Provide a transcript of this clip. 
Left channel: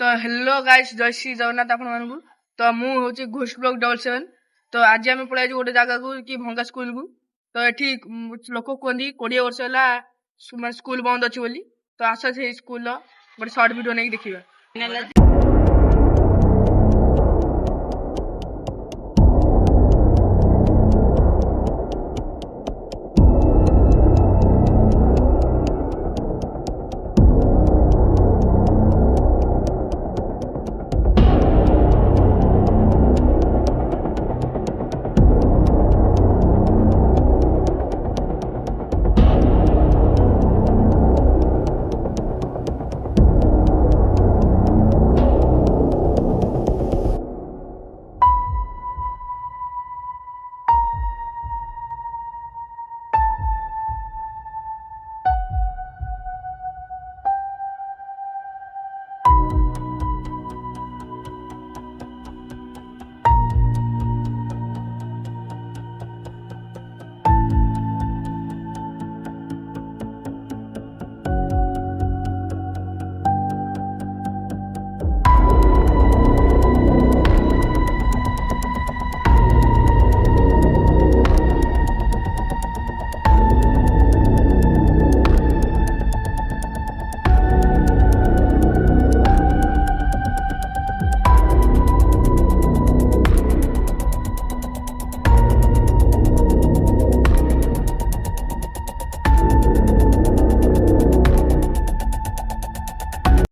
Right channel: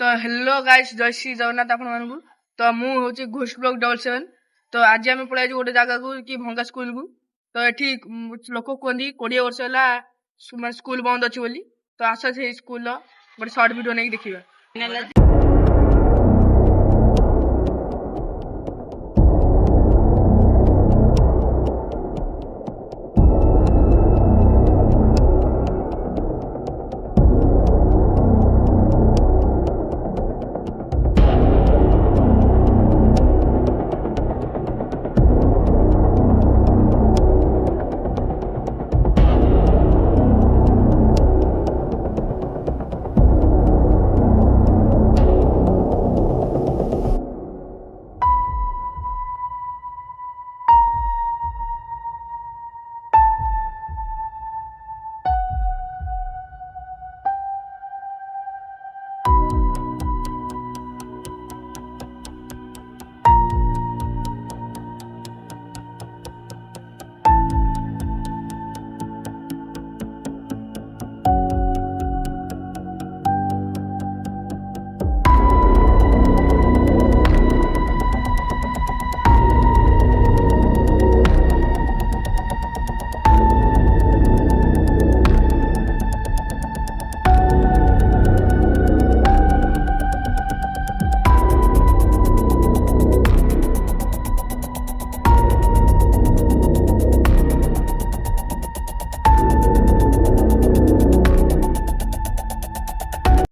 तो hello guys, जय श्री जगन्नाथ आपण मानकु। तो मु होची घोष ब्लॉक 77। तो आज आम पळाई गोटे जगह को कि भंगा स्कूल को। तो एठी लोक कहती 20 वर्ष है स्कूल बंद अच्छी बोली। तो आस से स्कूल गोटे सर्ट वीडियो नहीं देखिए।